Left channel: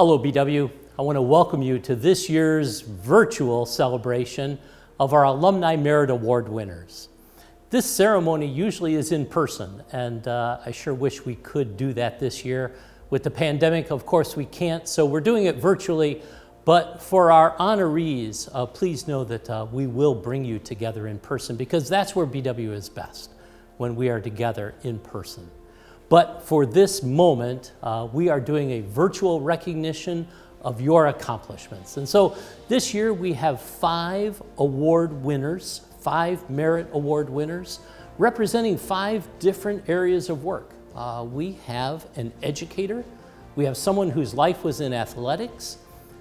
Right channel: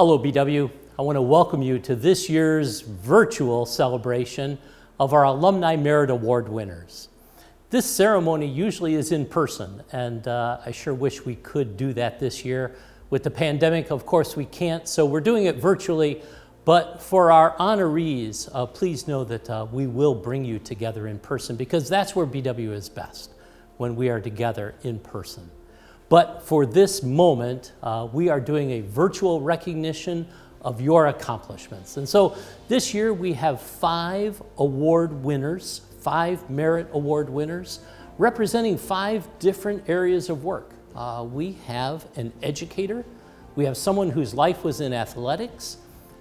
Hello, BW. I want to welcome you to this year's virtual celebration of our Alumni Merit Award winners. This ceremony usually is in person, and I sure wish we could do that this year. With the pandemic, of course, we can't, so we're doing it virtually. But for our honorees, please know that we will bring you together in person, because that's where BW is best, when we are together in person. But for this moment, we are doing a virtual recognition of your accomplishments. And so this year we have 5 award winners, 5 merit award winners, representing 5 different areas of work. We have an educator, we have someone whose life was in athletics,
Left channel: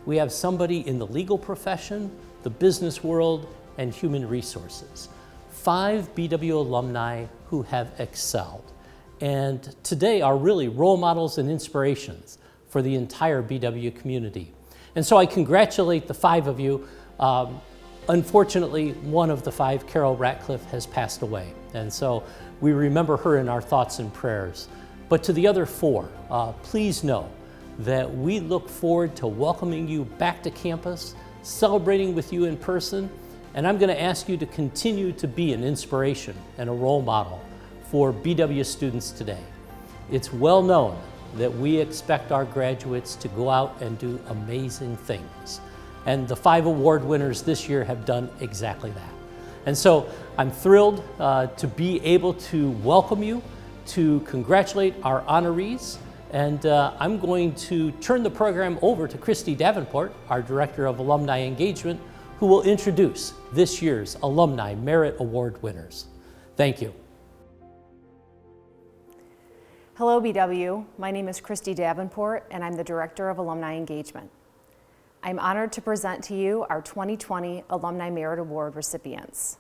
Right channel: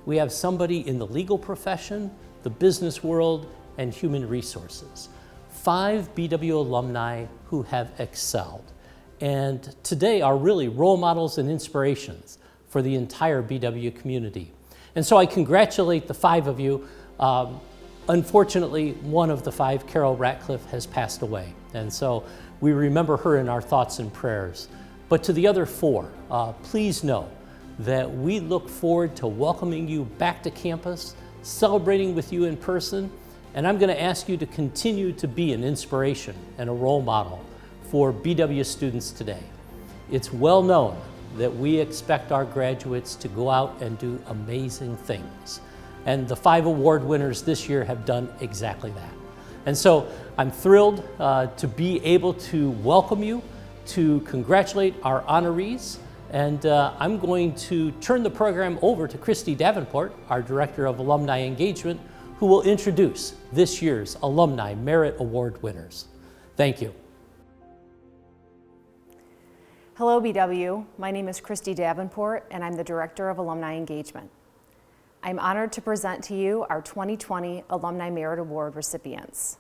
we have somebody in the legal profession, the business world, and human resources. 5 BW alumni who have excelled, and today are really role models and inspirations for the entire BW community. And so I congratulate the 5 of you. Unfortunately, one of the 5, Carole Ratcliffe, has passed away, and so we remember her in our thoughts and prayers. But to the other 4, please know that we look forward to welcoming you back to campus, celebrating with you in person, and I'm going to ask you to continue to be an inspiration and a role model for BW students today. It's well known that we expect our graduates to go out and do amazing things. And the 5 award winners this year have done exactly that. And so I'm thrilled to be able to welcome you, to congratulate our honorees, and I'm going to turn the program over to Christy Davenport, our Director of Alumni Engagement, who will introduce this year's Alumni Merit Award winners. Thank you. Hello, BW. My name is Christy Davenport, and I'm the Director of Alumni Engagement. I'm honored to present to you our 2020 Alumni Merit Award recipients.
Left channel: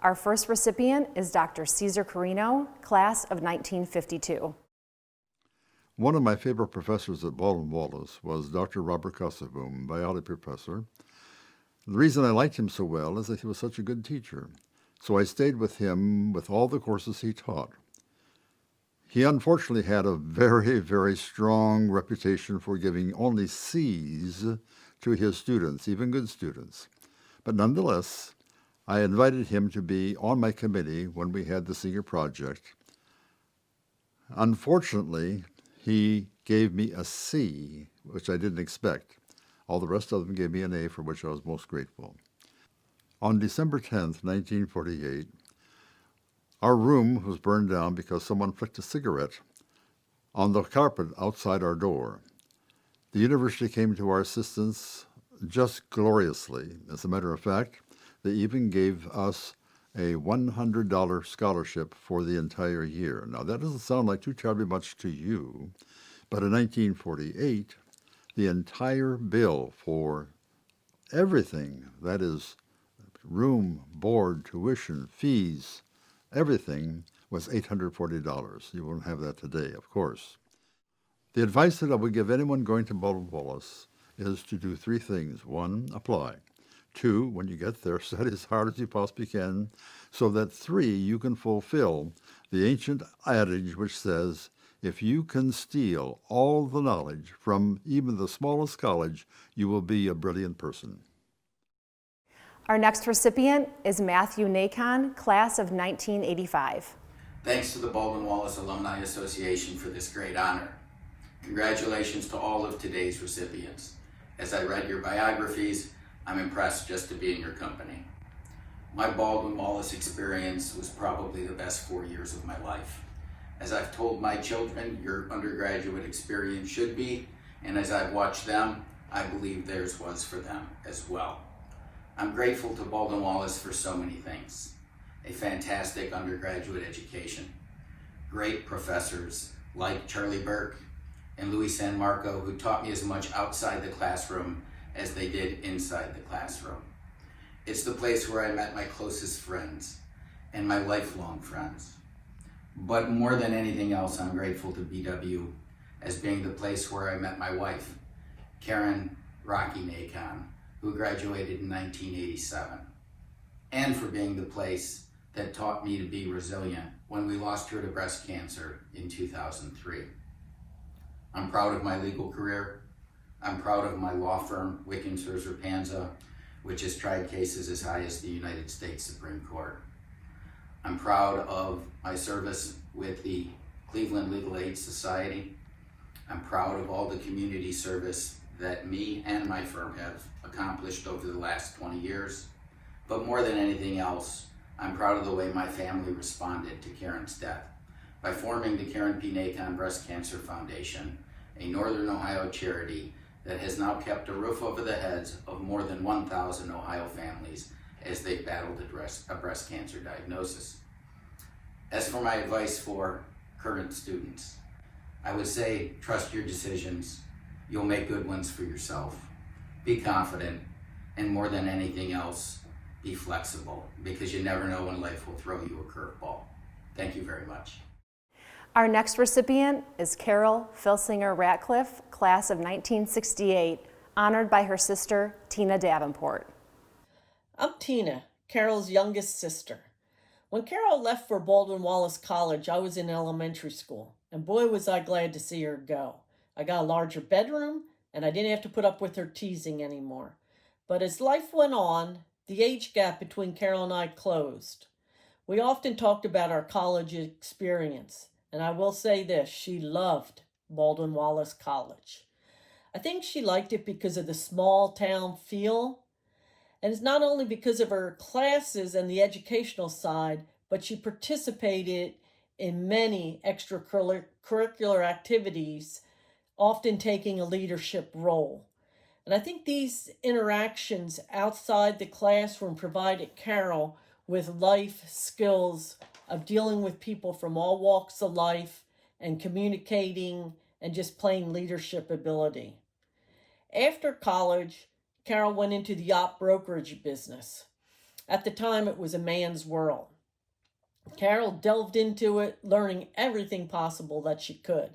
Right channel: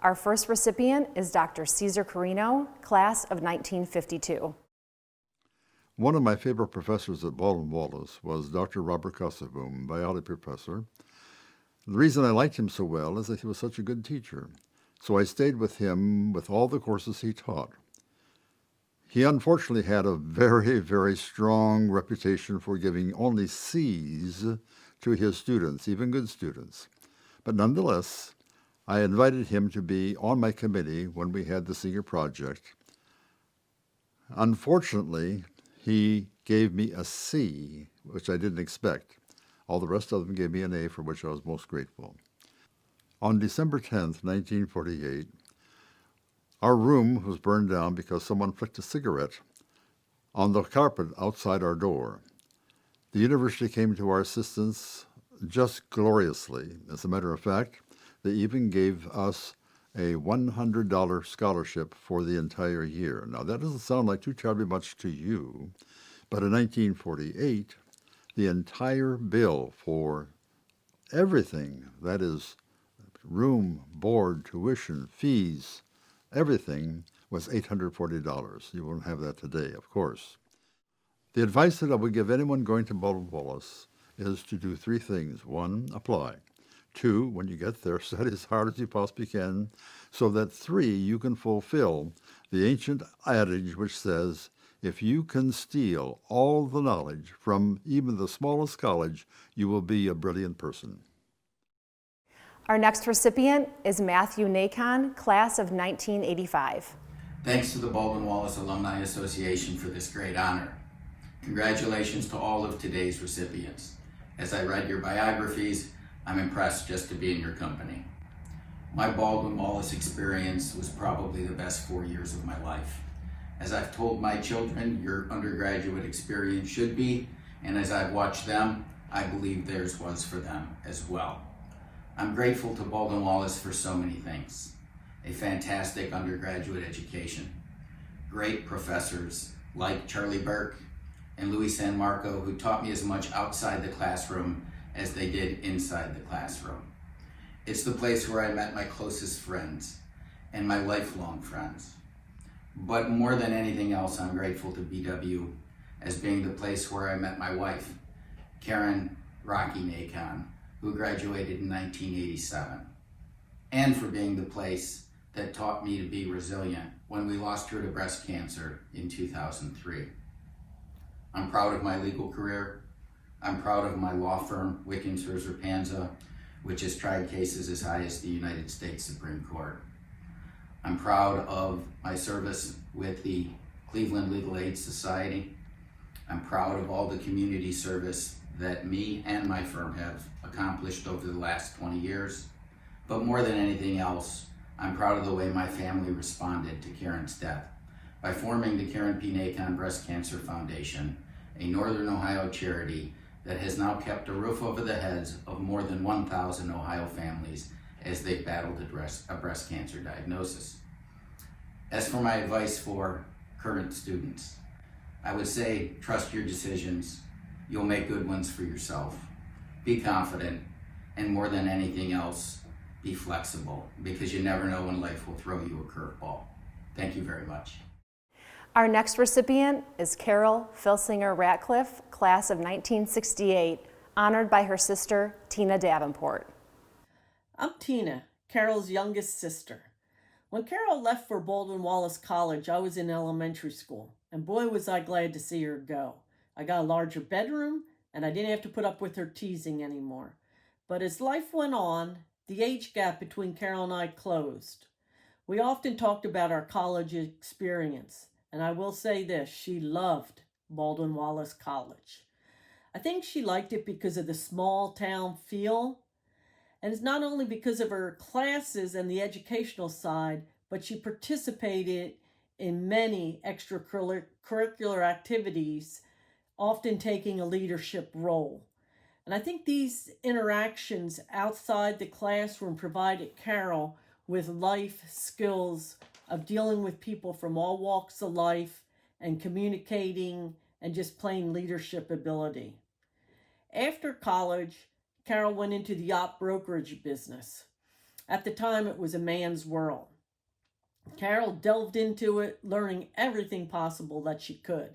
Our first recipient is Dr. Cesar Carrino, class of 1952. One of my favorite professors at Baldwin Wallace was Dr. Robert Kosovoom, biology professor. The reason I liked him so well is that he was such a good teacher, so I stayed with him with all the courses he taught. He unfortunately had a very, very strong reputation for giving only C's to his students, even good students. But nonetheless, I invited him to be on my committee when we had the senior project. Unfortunately, he gave me a C, which I didn't expect. All the rest of them gave me an A, for which I was most grateful. On December 10th, 1948, our room was burned down because someone flicked a cigarette on the carpet outside our door. The university came to our assistance just gloriously. As a matter of fact, they even gave us a $100 scholarship for the entire year. Now, that doesn't sound like too terribly much to you, but in 1948, the entire bill for everything, that is, room, board, tuition, fees, everything, was $840. You won't have that today, of course. The advice that I would give anyone going to Baldwin Wallace is to do 3 things. 1, apply. 2, when you get there, study as hard as you possibly can, so that 3, you can fulfill the ancient adage which says, if you can steal all the knowledge from even the smallest college, you will be a brilliant person. Our next recipient is Matthew Nakon, class of 1985. Thanks to the Baldwin Wallace Alumni Association for this great honor. Congratulations to all of today's recipients. As I read your biographies, I'm impressed just to be in your company. My Baldwin Wallace experience was probably the best 4 years of my life. As I've told my children, your undergraduate experience should be, and as I've watched them, I believe theirs was for them as well. I'm grateful to Baldwin Wallace for so many things. A fantastic undergraduate education, great professors like Charlie Burke and Louis San Marco, who taught me as much outside the classroom as they did inside the classroom. It's the place where I met my closest friends and my lifelong friends. But more than anything else, I'm grateful to BW as being the place where I met my wife, Karen Rocky Nakon, who graduated in 1987, and for being the place that taught me to be resilient when we lost her to breast cancer in 2003. I'm proud of my legal career. I'm proud of my law firm, Wickens Panza, which has tried cases as high as the United States Supreme Court. I'm proud of my service with the Cleveland Legal Aid Society. I'm proud of all the community service that me and my firm have accomplished over the last 20 years. But more than anything else, I'm proud of the way my family responded to Karen's death by forming the Karen P. Nakon Breast Cancer Foundation, a Northern Ohio charity that has now kept a roof over the heads of more than 1,000 Ohio families as they battled a breast cancer diagnosis. As for my advice for current students, I would say trust your decisions. You'll make good ones for yourself. Be confident, and more than anything else, be flexible, because you never know when life will throw you a curveball. Thank you very much. Our next recipient is Carole Filsinger Ratcliffe, class of 1968, honored by her sister, Tina Davenport. I'm Tina, Carole's youngest sister. When Carole left for Baldwin Wallace College, I was in elementary school, and boy was I glad to see her go. I got a larger bedroom, and I didn't have to put up with her teasing anymore. But as life went on, the age gap between Carole and I closed. We often talked about our college experience, and I will say this, she loved Baldwin Wallace College. I think she liked it because of the small town feel, and it's not only because of her classes and the educational side, but she participated in many extracurricular activities, often taking a leadership role. And I think these interactions outside the classroom provided Carole with life skills of dealing with people from all walks of life and communicating and just plain leadership ability. After college, Carole went into the yacht brokerage business. At the time, it was a man's world. Carole delved into it, learning everything possible that she could.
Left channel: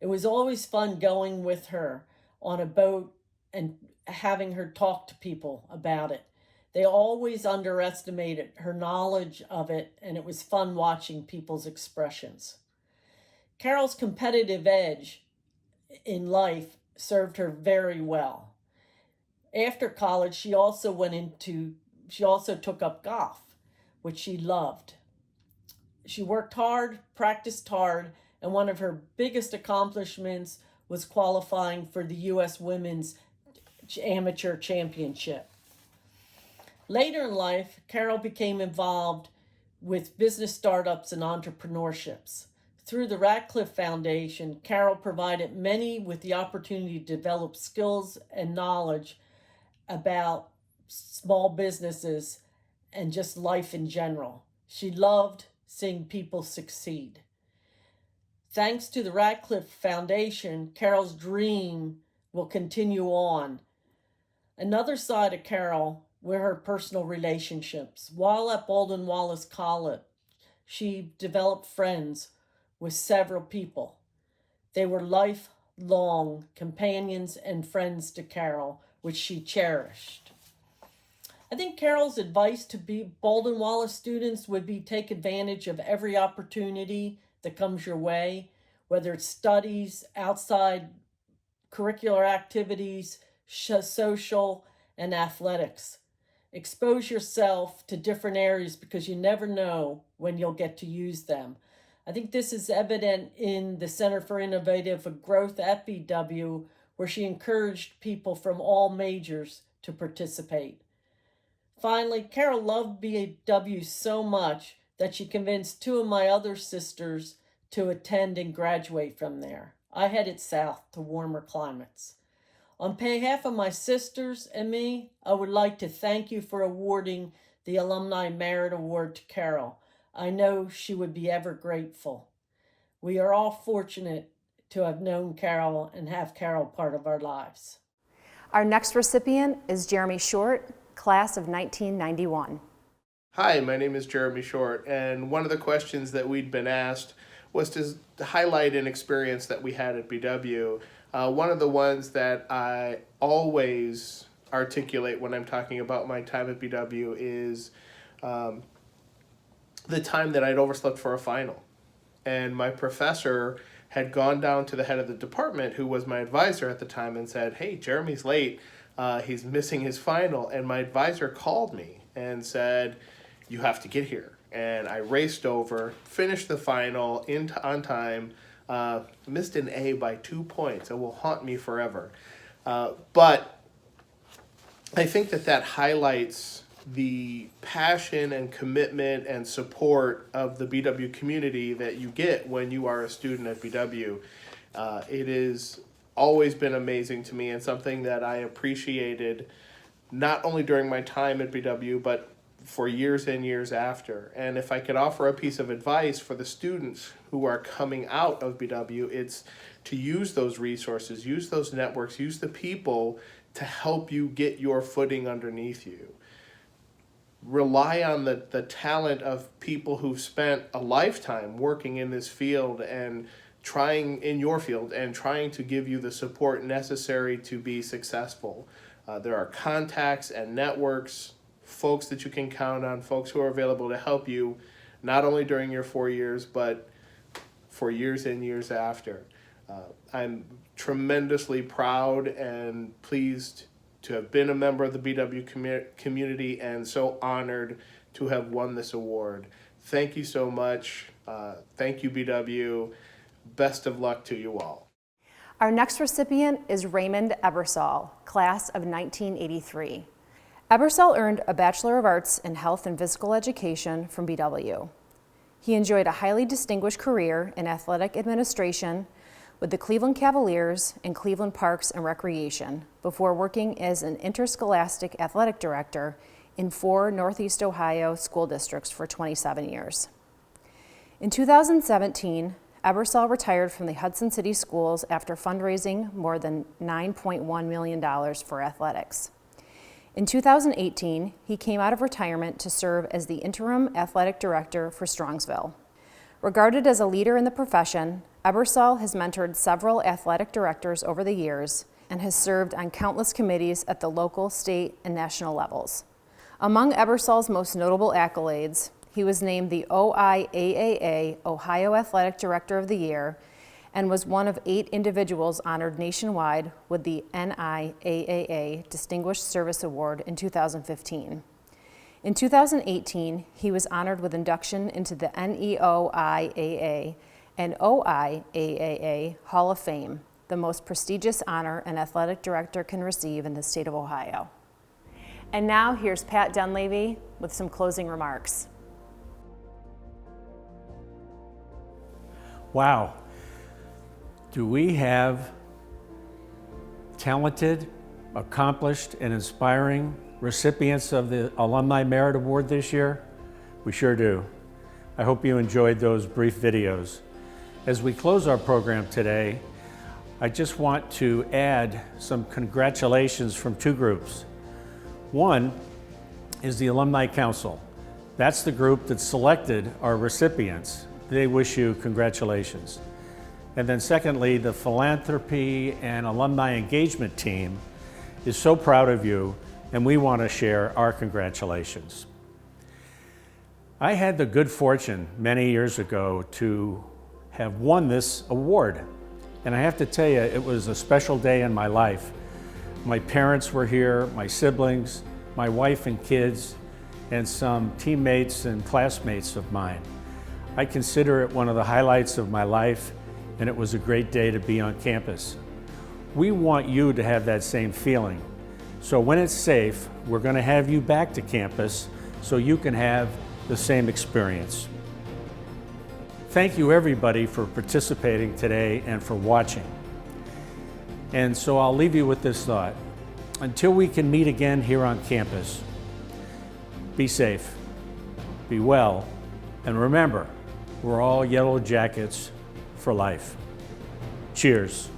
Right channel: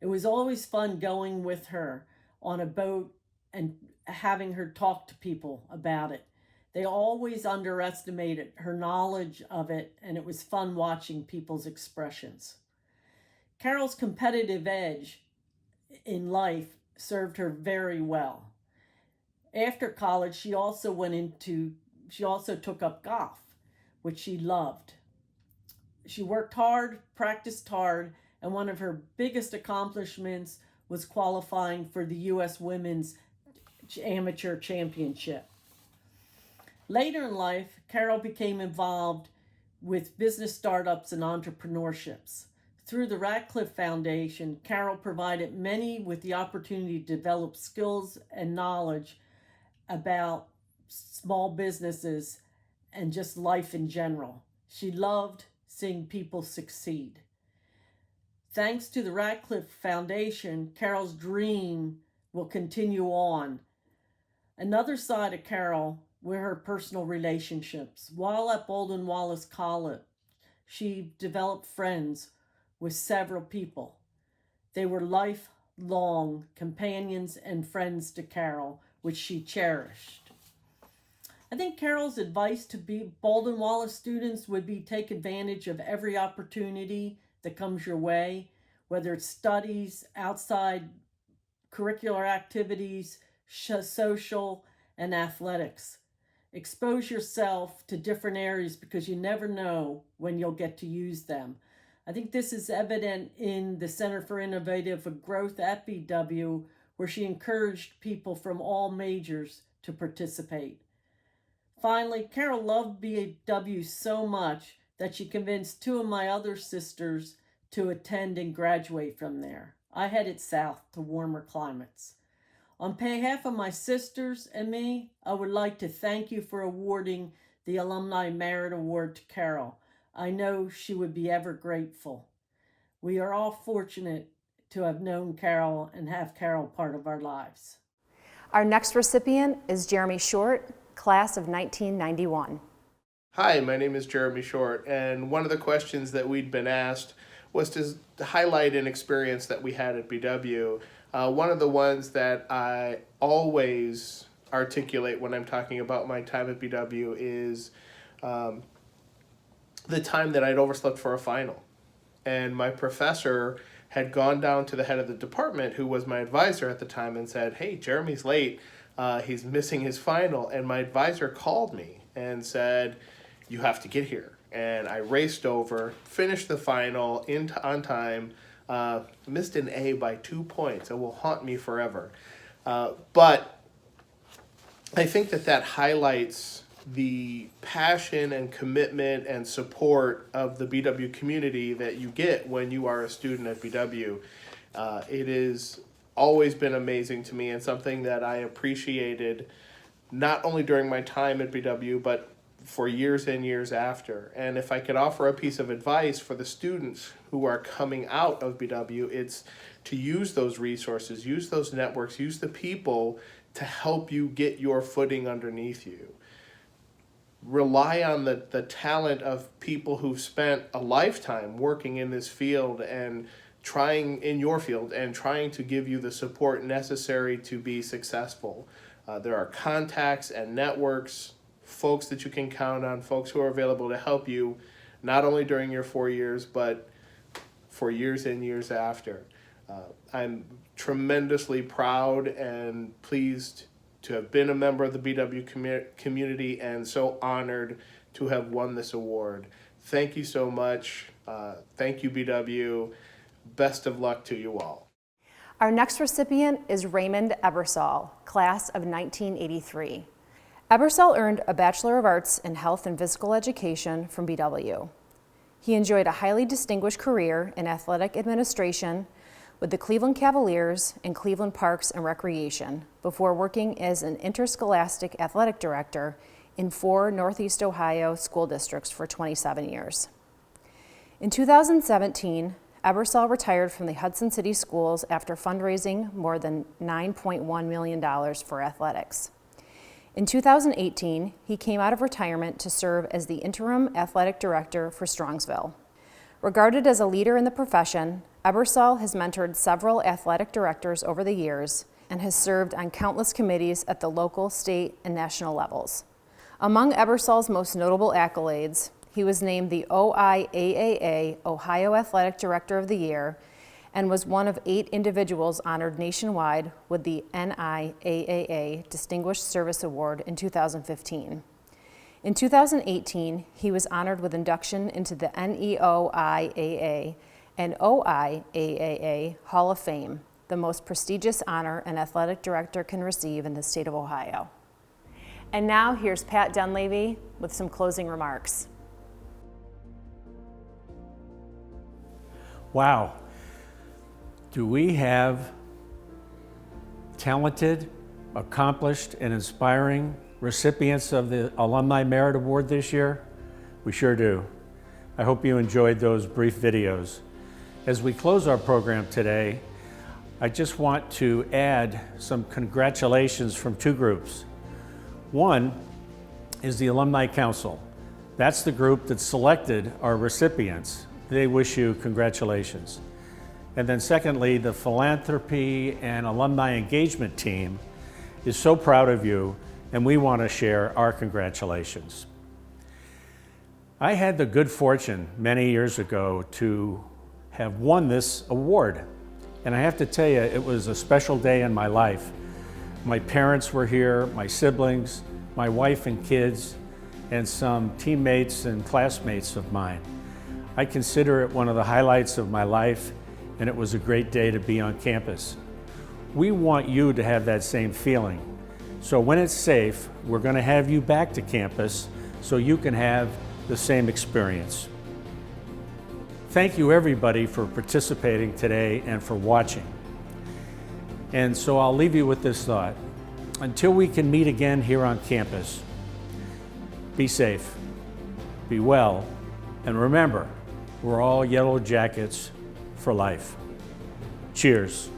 It was always fun going with her on a boat and having her talk to people about it. They always underestimated her knowledge of it, and it was fun watching people's expressions. Carole's competitive edge in life served her very well. After college, she also took up golf, which she loved. She worked hard, practiced hard, and one of her biggest accomplishments was qualifying for the U.S. Women's Amateur Championship. Later in life, Carole became involved with business startups and entrepreneurships. Through the Ratcliffe Foundation, Carole provided many with the opportunity to develop skills and knowledge about small businesses and just life in general. She loved seeing people succeed. Thanks to the Ratcliffe Foundation, Carole's dream will continue on. Another side of Carole were her personal relationships. While at Baldwin Wallace College, she developed friends with several people. They were lifelong companions and friends to Carole, which she cherished. I think Carole's advice to Baldwin Wallace students would be take advantage of every opportunity that comes your way, whether it's studies, outside curricular activities, social, and athletics. Expose yourself to different areas because you never know when you'll get to use them. I think this is evident in the Center for Innovative Growth at BW, where she encouraged people from all majors to participate. Finally, Carole loved BW so much that she convinced two of my other sisters to attend and graduate from there. I headed south to warmer climates. On behalf of my sisters and me, I would like to thank you for awarding the Alumni Merit Award to Carole. I know she would be ever grateful. We are all fortunate to have known Carole and have Carole part of our lives. Our next recipient is Jeremy Short, class of 1991. Hi, my name is Jeremy Short, and one of the questions that we'd been asked was to highlight an experience that we had at BW. One of the ones that I always articulate when I'm talking about my time at BW is the time that I'd overslept for a final. And my professor had gone down to the head of the department, who was my advisor at the time, and said, "Hey, Jeremy's late. He's missing his final." And my advisor called me and said, "You have to get here." And I raced over, finished the final on time, missed an A by 2 points. It will haunt me forever. But I think that highlights the passion and commitment and support of the BW community that you get when you are a student at BW. It has always been amazing to me, and something that I appreciated not only during my time at BW, but for years and years after. And if I could offer a piece of advice for the students who are coming out of BW, it's to use those resources, use those networks, use the people to help you get your footing underneath you. Rely on the talent of people who've spent a lifetime working in this field and trying to give you the support necessary to be successful. There are contacts and networks, folks that you can count on, folks who are available to help you, not only during your 4 years, but for years and years after. I'm tremendously proud and pleased to have been a member of the BW community, and so honored to have won this award. Thank you so much. Thank you, BW. Best of luck to you all. Our next recipient is Raymond Ebersole, class of 1983. Ebersole earned a Bachelor of Arts in Health and Physical Education from BW. He enjoyed a highly distinguished career in athletic administration with the Cleveland Cavaliers and Cleveland Parks and Recreation before working as an interscholastic athletic director in 4 Northeast Ohio school districts for 27 years. In 2017, Ebersole retired from the Hudson City Schools after fundraising more than $9.1 million for athletics. In 2018, he came out of retirement to serve as the interim athletic director for Strongsville. Regarded as a leader in the profession, Ebersole has mentored several athletic directors over the years and has served on countless committees at the local, state, and national levels. Among Ebersole's most notable accolades, he was named the OIAAA Ohio Athletic Director of the Year and was one of 8 individuals honored nationwide with the NIAAA Distinguished Service Award in 2015. In 2018, he was honored with induction into the NEOIAA and OIAAA Hall of Fame, the most prestigious honor an athletic director can receive in the state of Ohio. And now here's Pat Dunleavy with some closing remarks. Wow. Do we have talented, accomplished, and inspiring recipients of the Alumni Merit Award this year? We sure do. I hope you enjoyed those brief videos. As we close our program today, I just want to add some congratulations from 2 groups. One is the Alumni Council. That's the group that selected our recipients. They wish you congratulations. And then secondly, the philanthropy and alumni engagement team is so proud of you, and we want to share our congratulations. I had the good fortune many years ago to have won this award. And I have to tell you, it was a special day in my life. My parents were here, my siblings, my wife and kids, and some teammates and classmates of mine. I consider it one of the highlights of my life, and it was a great day to be on campus. We want you to have that same feeling. So when it's safe, we're going to have you back to campus so you can have the same experience. Thank you everybody for participating today and for watching. And so I'll leave you with this thought. Until we can meet again here on campus, be safe, be well, and remember, we're all Yellow Jackets for life. Cheers.